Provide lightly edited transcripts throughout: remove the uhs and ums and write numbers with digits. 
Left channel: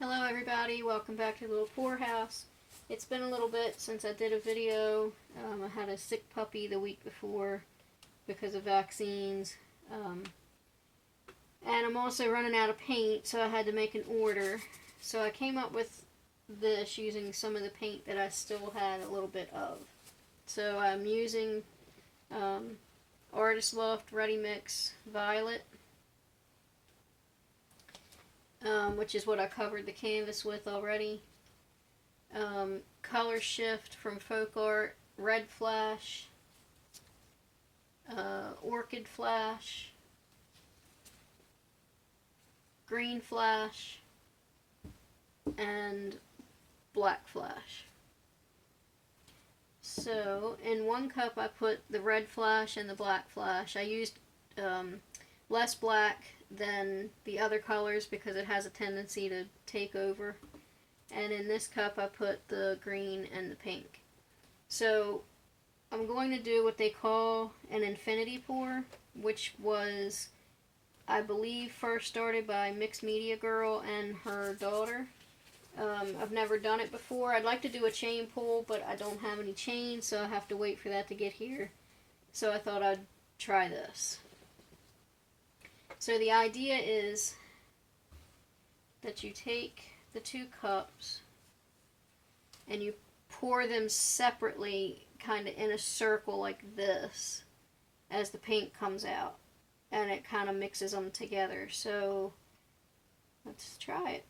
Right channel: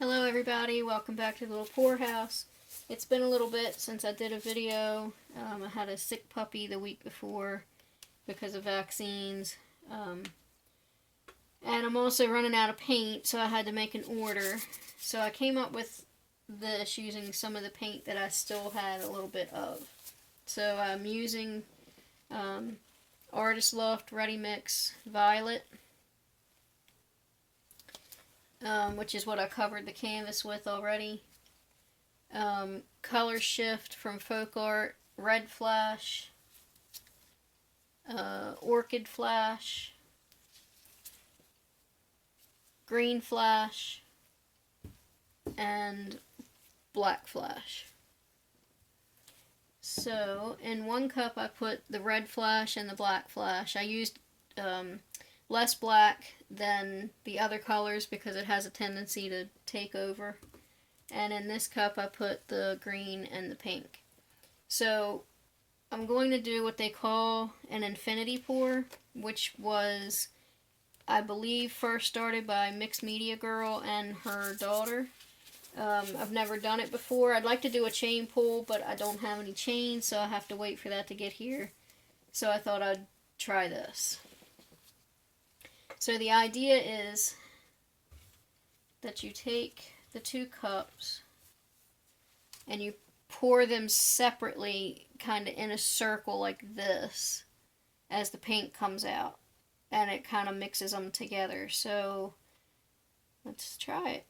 Hello everybody, welcome back to the Little Poorhouse. It's been a little bit since I did a video. I had a sick puppy the week before because of vaccines. And I'm also running out of paint, so I had to make an order. So I came up with this using some of the paint that I still had a little bit of. So I'm using Artist Loft Ready Mix Violet, which is what I covered the canvas with already. Color Shift from Folk Art, Red Flash, Orchid Flash, Green Flash, and Black Flash. So in one cup I put the red flash and the black flash. I used less black than the other colors because it has a tendency to take over. And in this cup I put the green and the pink. So I'm going to do what they call an infinity pour, which was, I believe, first started by Mixed Media Girl and her daughter. I've never done it before. I'd like to do a chain pull, but I don't have any chains, so I have to wait for that to get here. So I thought I'd try this. So the idea is that you take the two cups and you pour them separately, kind of in a circle like this, as the paint comes out, and it kind of mixes them together. So let's try it.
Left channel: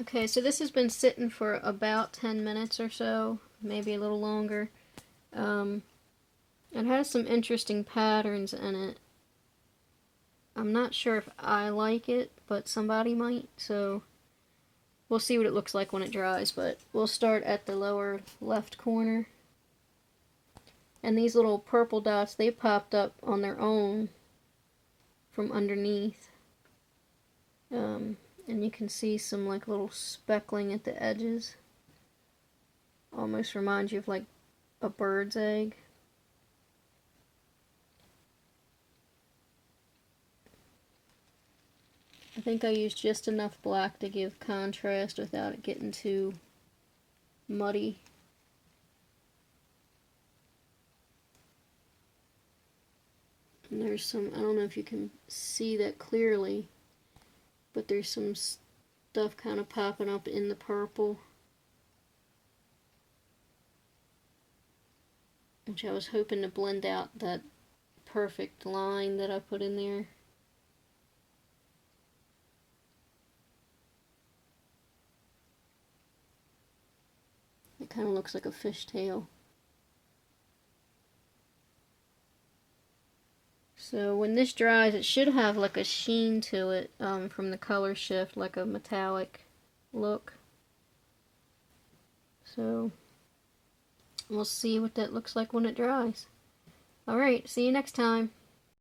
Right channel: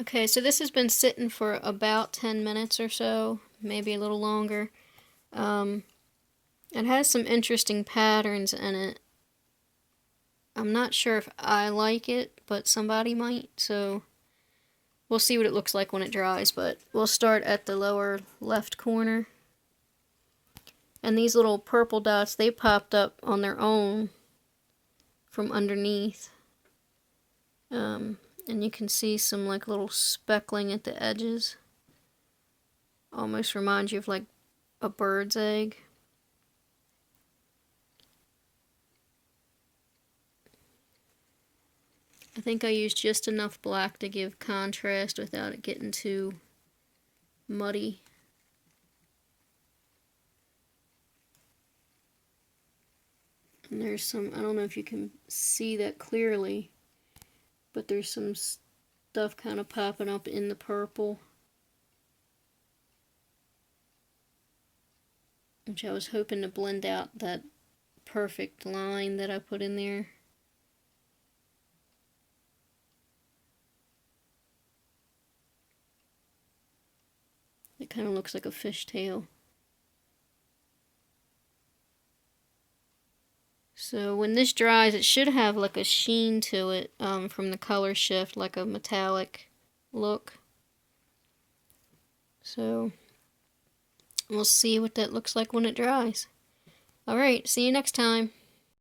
Okay, so this has been sitting for about 10 minutes or so, maybe a little longer. It has some interesting patterns in it. I'm not sure if I like it, but somebody might, so we'll see what it looks like when it dries, but we'll start at the lower left corner. And these little purple dots, they popped up on their own from underneath. And you can see some like little speckling at the edges. Almost reminds you of like a bird's egg. I think I used just enough black to give contrast without it getting too muddy. And there's some, I don't know if you can see that clearly, but there's some stuff kind of popping up in the purple, which I was hoping to blend out that perfect line that I put in there. It kind of looks like a fishtail. So when this dries, it should have like a sheen to it from the color shift, like a metallic look. So we'll see what that looks like when it dries. Alright, see you next time.